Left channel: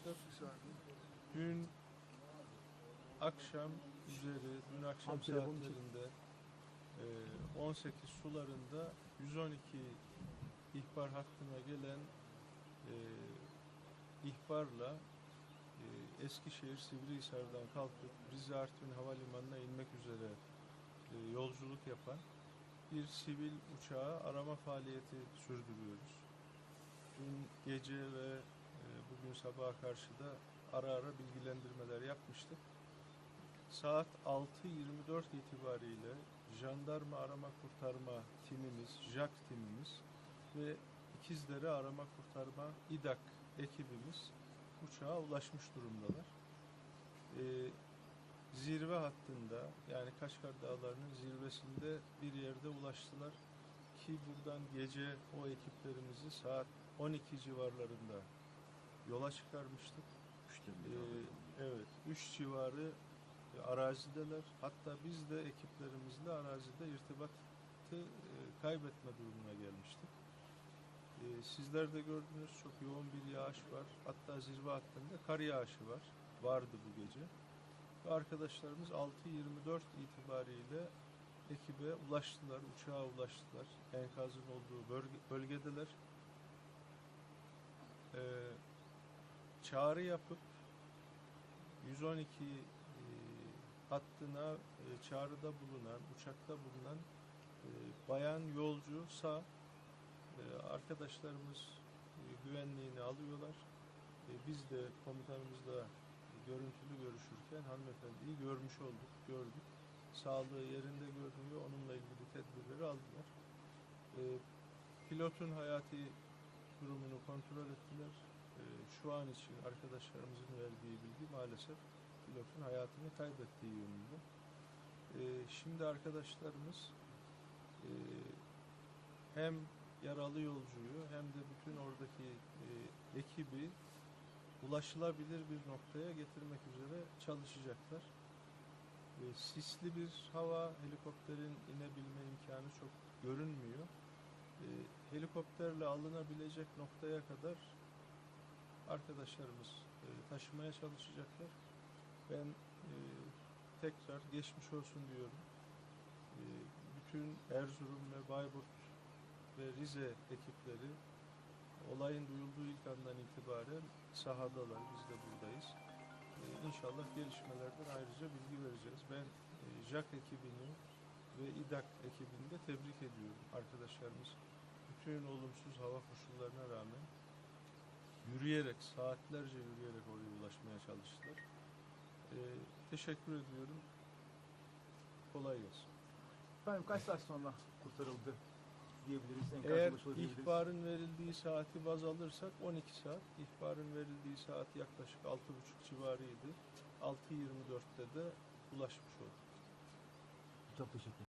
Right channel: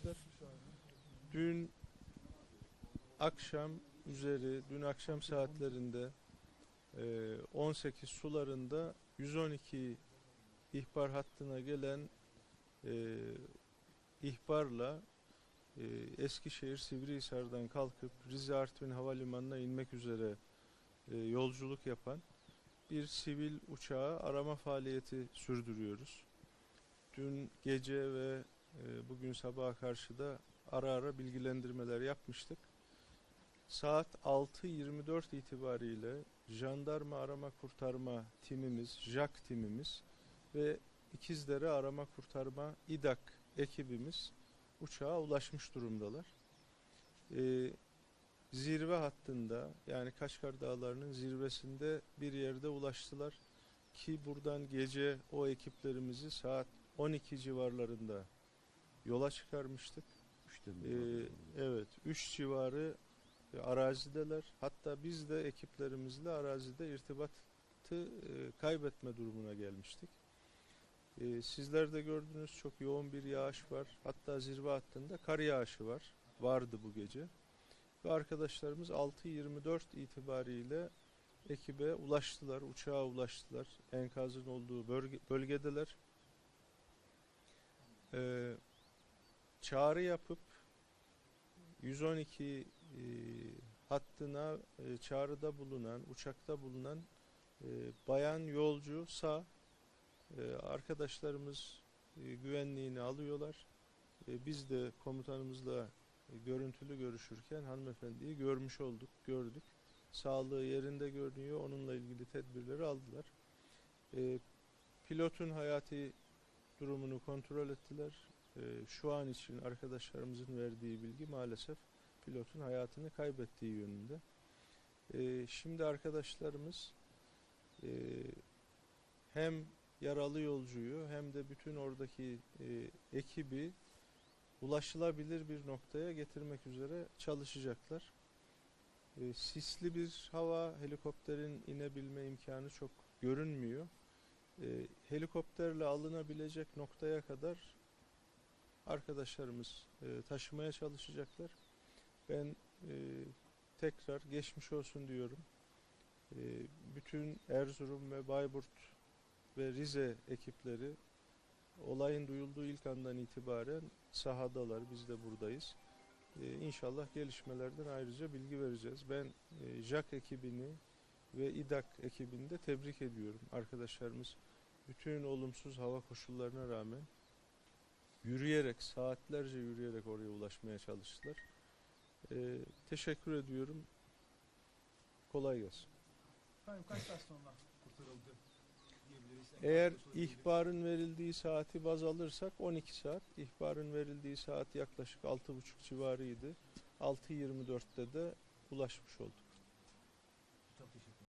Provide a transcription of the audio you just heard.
arkadaşlar. Dün akşam üzeri, dün akşam saatlerinde e, 18 sularında 112 ihbar hattına gelen e, ihbarla e, Eskişehir Sivrihisar'dan kalkıp Rize Artvin Havalimanı'na inmek üzere e, yolculuk yapan bir sivil uçağı arama faaliyeti sürdürüyoruz. Dün gece ve e, bugün sabaha karşı da ara ara bilgilendirmeler yapmıştık. Saat 6.24 itibariyle jandarma arama kurtarma timimiz, JAK timimiz ve İkizdere arama kurtarma İDAK ekibimiz uçağa ulaşmış durumdalar. Ee, zirve hattında yani Kaşgar Dağları'nın zirvesinde bir yerde ulaştılar ki buradan gece o ekiplerimizi saat 12 civarlarında yola çıkarmıştık. Ee, evet 3 civarı e, arazideler. Hatta biz de ekiplerimizle arazide irtibatı e, kaybetme durumuna gelmiştik. Ee, sizler de gördünüz çok yoğun bir yağış var. Hatta zirve hattında kar yağışı var. Vardı bu gece. Ve arkadaşlarımız 6.24 itibariyle ekibe ulaştılar, uçağa ulaştılar. Enkazın olduğu bölge, bölgedeler. Ee, çağrı yapıp 112 e, hattına e, çağrıda bulunan, uçakta bulunan e, bayan yolcu sağ e, arkadaşlarımız e, güvenliğini alıyorlar. E, biz de komutanımızla e, görüntülü görüşürken hanımefendiyi görmüş olduk, gördük. Sağlığı yerinde görünüyor. Onunla ilgili tedbirleri aldılar. E, pilotun hayati durumunu kontrol ettiler. E, şu an için arkadaşlarımızın verdiği bilgi maalesef pilotun hayatını kaybettiği yönünde. E, şimdi arkadaşlarımız e, hem yaralı yolcuyu hem de bütün oradaki e, ekibi ulaşılabilir bir noktaya getirmek üzere çalışacaklar. E, sisli bir hava, helikopterin inebilme imkanı çok görünmüyor. Helikopterle alınabilecek noktaya kadar arkadaşlarımız e, taşımaya çalışacaklar. Ben e, tekrar geçmiş olsun diyorum. E, bütün Erzurum ve Bayburt ve Rize ekipleri olayın duyulduğu ilk andan itibaren sahadalar. Biz de buradayız. Ee, inşallah gelişmelerden ayrıca bilgi vereceğiz. Ben e, JAK ekibini ve İDAK ekibini de tebrik ediyorum. Arkadaşlarımız bütün olumsuz hava koşullarına rağmen yürüyerek, saatlerce yürüyerek oraya ulaşmaya çalıştılar. Ee, teşekkür ediyorum. Kolay gelsin. Efendim kaç saat sonra kurtarıldı diyebiliriz? enkaz Eğer ihbarın verildiği saati baz alırsak 12 saat. İhbarın verildiği saat yaklaşık 6.30 civarıydı. 6.24'te de ulaşmış olduk. Çok teşekkür.